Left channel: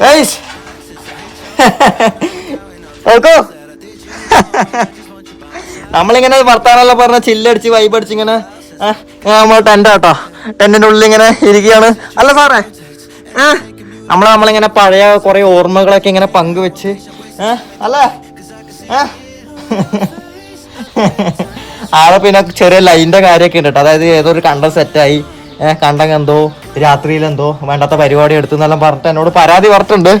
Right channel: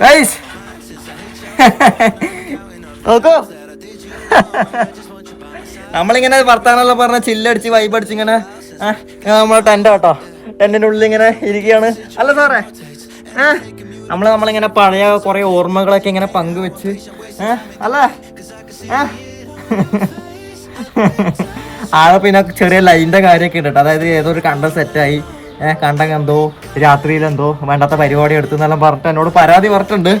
Guys കേൾക്കോ? നമ്മളിങ്ങനെ വർത്താനല്ല പറഞ്ഞ ചില്ലടിച്ച് വൈബടിച്ച് ഇങ്ങനെ ആ, ആ, നമ്മളെ ടെന്റ് കേട്ടോ ടെന്റിന്റെ ഉള്ളിൽ ഇങ്ങനെ ഇരിക്കുകയാണ്. അല്ല സാറേ നമ്മൾ നമ്മളിങ്ങനെ പഴയ കുറെ ഓർമ്മകളൊക്കെ ഇങ്ങനെ പങ്കുവെച്ച് അല്ല? ആളെ പിന്നെ ചെറിയ ലൈന്റെ കാര്യമൊക്കെ ഉണ്ട് കേട്ടോ. അതായത് ഏതോ ഒരു കണ്ടം സെറ്റായി കണ്ടം എന്തോ രാത്രിയിൽ എന്തോ വേണ്ടാത്ത പരിപാടി എടുത്തു എന്നെല്ലാം പറഞ്ഞിട്ട് എന്നോട് പരാതി പറഞ്ഞിട്ടുണ്ട്.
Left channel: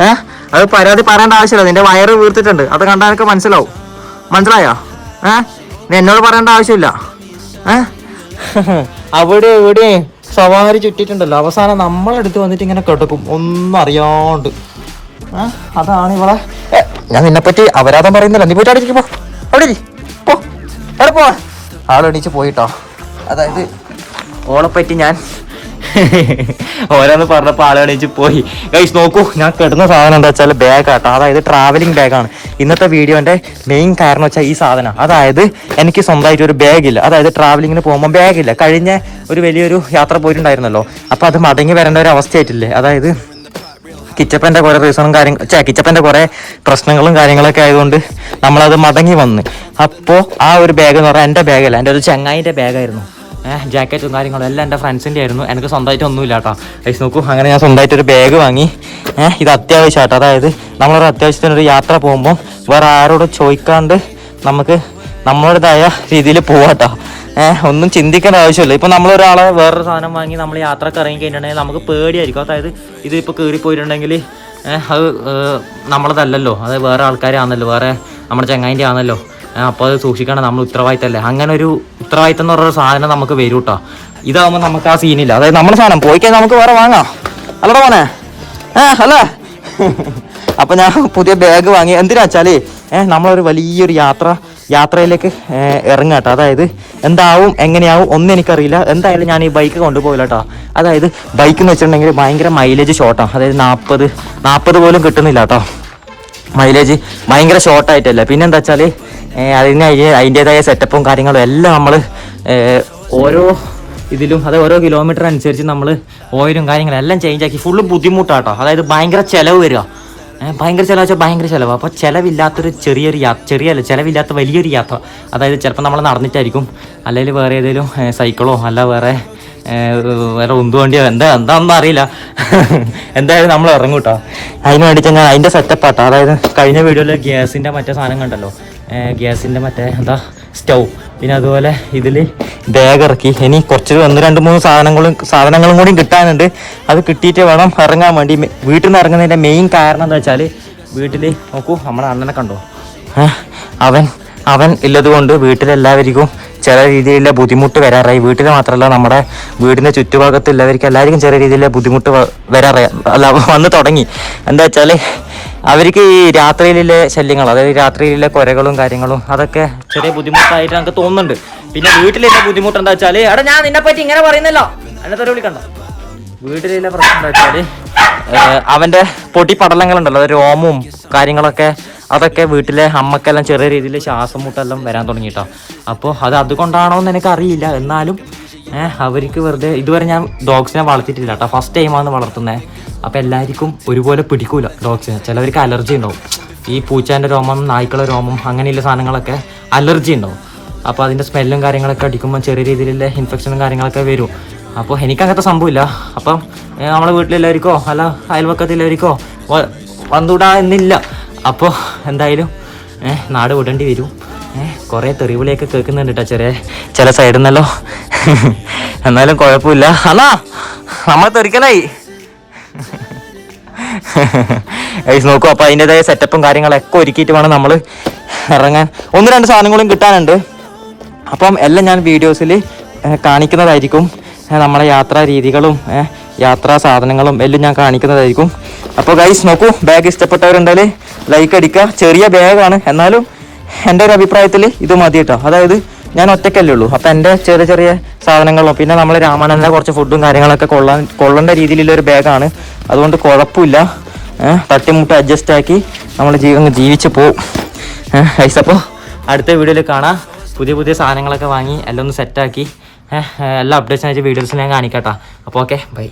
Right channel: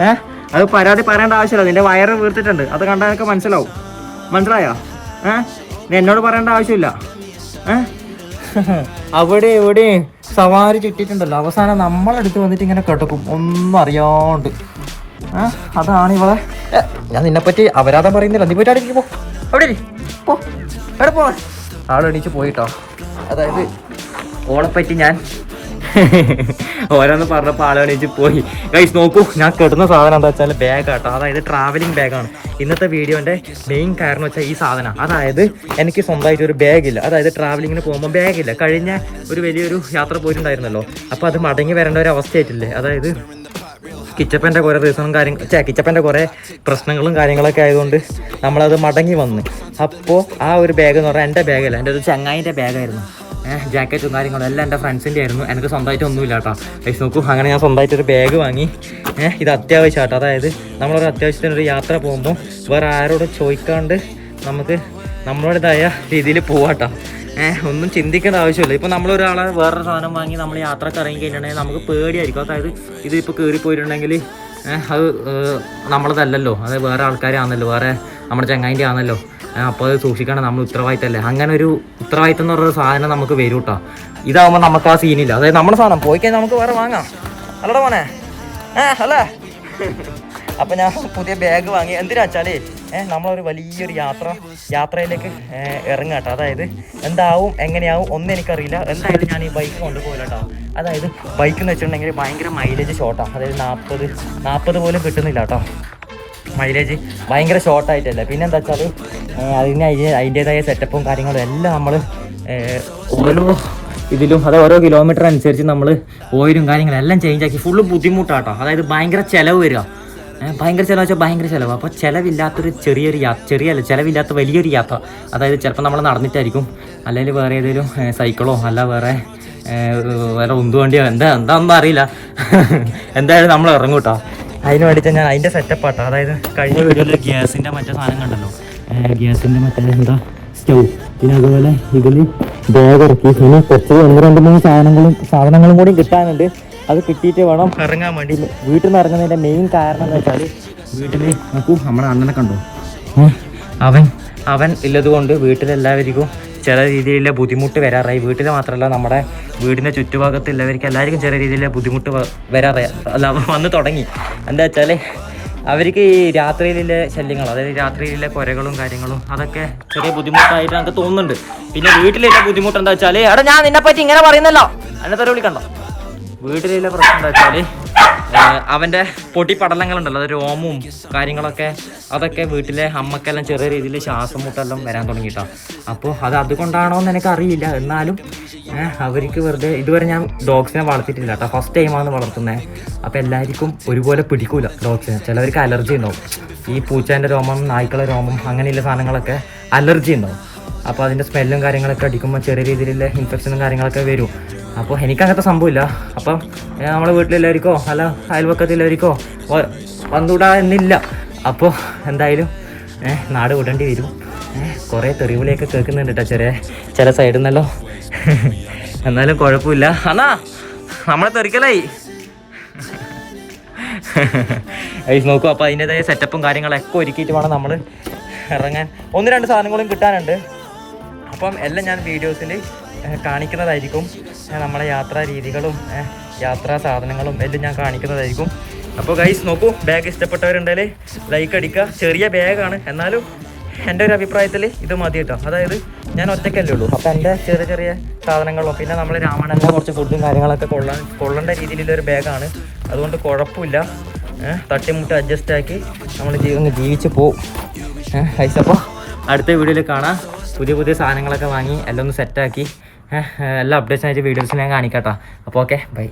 ഏഹ് അത് പരാതി പറയേണ്ട ആവശ്യമില്ല. നിന്റെ വയറ് വീർത്തിട്ടുണ്ട്. അത് കണ്ടാൽ എനിക്ക് മനസ്സിലാവും. മനസ്സിലായോ? ഏഹ് എന്നോട് പറയേണ്ട ആവശ്യമില്ല. ഏഹ് അവിടെ ഇവിടെ സവാരി ചുറ്റിട്ടുണ്ടല്ലോ അവസാനം നമ്മളെടുത്ത് വന്നിട്ട് ഇങ്ങനെ കിടക്കും. ഒന്നും അറിയാണ്ട്. ഏഹ് അതാണ് ഇവളെ ഞാൻ നിന്നെ പറ്റി അപരാധം പറയുന്നില്ല. നീ പോയിട്ട് അടിക്കുമ്പോ പോ. ആളെണീച്ച് പോയിട്ടോ. അതായത് ഓളെപ്പറ്റി ഞാൻ ഓരോന്ന് പറഞ്ഞപ്പോൾ ആളെണീച്ച് പോയി. ഗൈസ് നോക്കൂ ഞാൻ കിടന്ന സാധനം എന്താ വെച്ചാൽ ബാഗ് ആട്ടോ അതായത് ട്രാവലിംഗ് ബാഗാണ് ഇന്നത്തെ വീഡിയോന്റെ മെയിൻ കാരണം വെച്ചാൽ ഈ സാധനം. അതായത് എനിക്ക് സ്വന്തമായിട്ട് ഒരു ബാഗില്ല അതായത് ട്രാവലിങ്ങിന് പോകുമ്പോൾ ബാഗില്ല കഴിഞ്ഞ ഒരു വലിയൊരു യാത്ര പോയിട്ടുണ്ടായിരുന്നല്ലോ. അപ്പൊ അത് മടങ്ങി വരേണ്ട ഒരു അവസ്ഥയായിട്ടില്ലേ? അതായത് കിച്ചപ്പന്റെ കുറേ റീസണും കാര്യം ചേ കിച്ചപ്പന്റെ കുറേ പ്രശ്നങ്ങളും കാര്യങ്ങളൊക്കെ ആയതുകൊണ്ട് നമ്മളത് മടങ്ങി വന്ന്. അപ്പോൾ ആ ഒരു ബാഗ് എന്ന് പറഞ്ഞാൽ എന്റെ ബാഗല്ല എന്റെ ഒരു ചെങ്ങായിന്റെ ബാഗായിരുന്നു ജാക്കറ്റും കാര്യങ്ങളും എല്ലാം എന്റെ ഫ്രണ്ട്സിന്റെ ആയിരുന്നു. എനിക്ക് സ്വന്തമായിട്ട് ഒന്നുമില്ല കേട്ടോ. ലൈസ് നോക്കൂ അങ്ങനെ ഞാൻ സ്വന്തമായിട്ട് ഒരു ബാഗ് വാങ്ങി. ഇത് അത്യാവശ്യമാട്ടോ അതായത് നമ്മളൊരു അത്യാവശ്യത്തിന് ഒരു യാത്ര പോകുമ്പോൾ വേറെ ആരോടും ചോദിക്കാണ്ട് നമുക്ക് നമ്മളുടേതായ രീതിയിൽ പോവാട്ടോ ഏഹ് ഒന്നും ചിന്തിക്കേണ്ട ആവശ്യമില്ല. ഇപ്പം നമ്മളൊരാളെ വേറൊരു സാധനം വാങ്ങി നമ്മൾ യാത്രയ്ക്ക് ഇറങ്ങി കഴിഞ്ഞിട്ടുണ്ടെങ്കിൽ നമുക്ക് പേടിയായിരിക്കും. അതായത് ഇതിപ്പോൾ ഇപ്പൊ കയറി പോയിട്ടുണ്ടെങ്കിൽ ഏഹ് അത് നമ്മളതല്ലല്ലോ. അത് വേറെ ആൾക്കാരാണല്ലോ വേറെ നമ്മുടെ ചങ്ങായിന്റെ ആണല്ലോ അപ്പോൾ അത് സൂക്ഷിക്കണം നമ്മൾ ഉത്തരവാദിത്തമല്ലേ അങ്ങനെ ഒരു ഉത്തരവാദിത്തം എന്ന് പറഞ്ഞൊരു സാധനം നമുക്ക് വരും കേട്ടോ ഇതാകുമ്പോൾ നമുക്ക് ആ സീനില്ല അതായത് നമ്മുടെ സാധനം. പോയി കഴിഞ്ഞാൽ നമുക്ക് വേറെ വാങ്ങാം. അല്ലടാ മോനെ. ഏഹ് അല്ലേ. അപ്പൊ ഞാൻ പുതിയ ബാഗ് വാങ്ങി. എന്തിനാ വെച്ചാലേ നമ്മളൊരു വലിയൊരു യാത്ര യാത്രയിലേക്ക് ഇറങ്ങാട്ടോ അതായത് എന്താവും എങ്ങനെയാവും ഒന്നും എനിക്കറിയില്ല. എന്തായാലും ഞാൻ ഈ ബൈക്ക് കൊണ്ടുപോകില്ല കേട്ടോ അതായത് ബൈക്ക് എന്ന് വെച്ചിട്ടുണ്ടെങ്കിൽ ഭയങ്കര മൈലേജ് ഷോർട്ടാണ് അതായത് നാൽപ്പത് നാൽപ്പത് പോലും കിട്ടുന്നില്ല കേട്ടോ മൈലേജ് ഭയങ്കര ഷോർട്ടായിട്ടല്ല പിന്നെ എന്താ വെച്ചാൽ അതിന് അതിന്റെതായ സെറ്റപ്പും കാര്യങ്ങളും എല്ലാം നമ്മൾ ഓരോ ഇതിലും അത് ഓരോ കിലോമീറ്റർ അനുസരിച്ച് നമ്മൾ ഓയിലും കാര്യങ്ങളും എല്ലാം ചേഞ്ച് ആക്കി ഫുള്ള് ബുദ്ധിമുട്ടാട്ടോ. അതായത് ഭയങ്കര ചിലവ് വരിക. ഭയങ്കര ചിലവ് വെച്ചാൽ ഭയങ്കര ചിലവ്. അപ്പോൾ ചിലവില്ലാത്തൊരു ചെറിയൊരു യാത്ര ചെറിയല്ല ചിലവില്ലാത്ത വലിയൊരു യാത്ര. അതായത് ചിലപ്പോൾ നമ്മൾ നടന്നിട്ടായിരിക്കും. അല്ലെങ്കിൽ വേറെ ഏതെങ്കിലും സൈക്കിളോ അല്ല വേറെ വേറെ ഉന്തു വണ്ടിയോ എന്താ എന്താണെന്ന് അറിയില്ല. എന്തായാലും നമ്മൾ ഇറങ്ങൂട്ടോ. കേട്ടോ അതിന് വേണ്ടി ഞാൻ അതിന്റെ സെറ്റപ്പാട്ടോ അതായത് കഴിഞ്ഞ വീഡിയോയിൽ ഗ്യാസിന്റെ മറ്റേ സാധനം കണ്ടല്ലോ. ഗ്യാസിന്റെ മറ്റേ എന്താ സ്റ്റൗ. പിന്നെ അതുപോലെ ഇതിൽ ബാഗ് ഇറക്കി. ഇനി കുറച്ച് ഒന്ന് രണ്ട് മൂന്ന് സാധനങ്ങളും സാധനങ്ങളും കൂടി കിട്ടാനുണ്ട്. അത് കിട്ടിയിട്ട് വേണം ഇറങ്ങാൻ വേണ്ടി. വീട്ടിൽ നിന്ന് ഇറങ്ങുന്നതിന്റെ മെയിൻ കാരണം എന്താ വെച്ചാൽ വീട്ടിൽ നോക്കൂ നമ്മുടെ അണ്ണനെ കണ്ടോ? അവൻ അവൻ ഇല്ലതുകൊണ്ട് കൊണ്ട് വീട്ടിലെല്ലാവർക്കും ചില രീതിയിലുള്ള ബുദ്ധിമുട്ട് വരാറായി. വീട്ടിൽ മാത്രമല്ല നമ്മുടെ വീടിന്റെ ചുറ്റുഭാഗത്ത് എല്ലാവർക്കും ചെറിയ രീതിയിലുള്ള ബുദ്ധിമുട്ട് വരാറായി. അല്ല വന്ന് തുടങ്ങി. എന്താ വെച്ചാൽ അവർക്ക് ഈ രാത്രിയിലെ ശല്യങ്ങൾ അതായത് രാത്രിയിലെ കുരകളും കാര്യങ്ങളും അതൊക്കെ ചെറിയ ബുദ്ധിമുട്ടായിട്ട് നമുക്ക് തോന്നുന്നുണ്ട്. പിന്നെ വീട്ടിലുള്ള ബുദ്ധിമുട്ട് എന്താ വെച്ചാൽ എടാ ഞാൻ നിന്നെ പറ്റി ഇങ്ങനെ പറയുന്നല്ലോ. അന്നത്തെ വിളിക്കണ്ടോ. വീട്ടിലുള്ള പ്രശ്നം എന്താ വെച്ചാൽ ഏഹ് അവന്റെ പൊടി പടലങ്ങളുണ്ടല്ലോ രോമവും കാര്യങ്ങളൊക്കെ. അതൊക്കെ വീട്ടിലെ അമ്മക്കെല്ലാം ചെറിയ രീതിയിൽ ശ്വാസം മുട്ടെല്ലാം വരാൻ തുടങ്ങിട്ടോ. അപ്പോൾ അത് അതുകൊണ്ടാണോ എന്ന് എനിക്ക് അറിയില്ല എന്നാലും അവർക്ക് വെറുതെ ഇതുവരെ ഞാൻ ഡോഗ്സിനെ വളർത്തിയിട്ടില്ല കേട്ടോ. ഫസ്റ്റ് ടൈമാണ് വളർത്തുന്നത് അപ്പോൾ എല്ലാവർക്കും ഒരുപോലെ പിടിക്കൂല ഡോഗ്സിനെ. ചിലവർക്ക് അലർജി ഉണ്ടാവും. ഈ പൂച്ചേന്റെ രോമം നായ്ക്കളെ രോമം അങ്ങനെയുള്ള സാധനങ്ങളൊക്കെ അലർജി ഉണ്ടാവും. അപ്പോൾ അതിന്റെ സ്മെല്ലും കാര്യങ്ങളൊക്കെ അടിക്കുമ്പോൾ ചെറിയ രീതിയിലുള്ള ഇൻഫെക്ഷനും കാര്യങ്ങളൊക്കെ വരും. അപ്പോൾ എനിക്ക് അങ്ങനത്തെ സംഭവമില്ല. അപ്പം നമ്മുടെ വീട്ടിലെല്ലാവർക്കോ അല്ല അയൽവക്കത്തിലെല്ലാവർക്കോ വ- വന്നുകൂടാ എന്നില്ല അപ്പോൾ എന്തായാലും നാട് വിടേണ്ടി വരും. കുറേ തെറിവിളിയൊക്കെ കേൾക്കുന്നുണ്ട് കേട്ടോ ചെറിയ ചില സൈഡിൽ നിന്നല്ലോ എന്നാലും കുഴപ്പമില്ല. അണ്ണാ നമ്മൾ തെറിക്കലായി. ഗൈസ് നോക്കൂ അപ്പോൾ അതിന്റെതായ സെറ്റപ്പും കാര്യങ്ങളൊക്കെ ഒരുക്കിയിട്ട് വേണം നമ്മൾ ഇറങ്ങാൻ. ഒന്ന് രണ്ട് സാധനങ്ങളും കിട്ടാനുണ്ട്. അപ്പം എല്ലാം ഞാൻ വീഡിയോസിൽ കാണിക്കുന്നതായിരിക്കും. നമ്മളെ യാത്രാ രീതികളും യാത്രാ സാധനങ്ങളും എല്ലാം ഞാൻ കാണിക്കുന്നതായിരിക്കും. അപ്പോൾ ഗൈസ് നോക്കൂ ബാഗ് ഇഷ്ടപ്പെട്ടവരുണ്ടെങ്കിൽ ലൈക്ക് അടിക്കുക. ചെറിയ ബാഗാണ് എന്നാലും എന്റെ ഒരു അഭിപ്രായത്തിൽ ഇത് മതി കേട്ടോ. അതായത് ഞാൻ ഒറ്റയ്ക്കല്ലേ ഉള്ളൂ. അപ്പം എന്റെ ചെറിയ ചെറിയ സാധനങ്ങളും പിന്നെ നമ്മൾ രാമാനന്ദനെ കുറച്ച് ഫുഡും കാര്യങ്ങളൊക്കെ കൊള്ളാൻ കൊള്ളേണ്ട രീതിയിലുള്ള ഒരു ബാഗാണ് അതുകൊണ്ട് കുഴപ്പമില്ല. തട്ടിമുട്ട് അഡ്ജസ്റ്റ് ആക്കി നമ്മൾ ജീവ ജീവിച്ച് ഏഹ് ഗൈസ് അപ്പോൾ അടുത്ത വീഡിയോയിൽ കാണാം. പുതിയ പുതിയ സാധനങ്ങളൊക്കെ വാങ്ങി എല്ലാം ഒന്ന് സെറ്റാക്കി എല്ലാ അപ്ഡേറ്റ്സ് ആയിട്ട് വീഡിയോസ് ഞാൻ കാണിക്കാട്ടോ. അപ്പോൾ ഓക്കെ ബൈ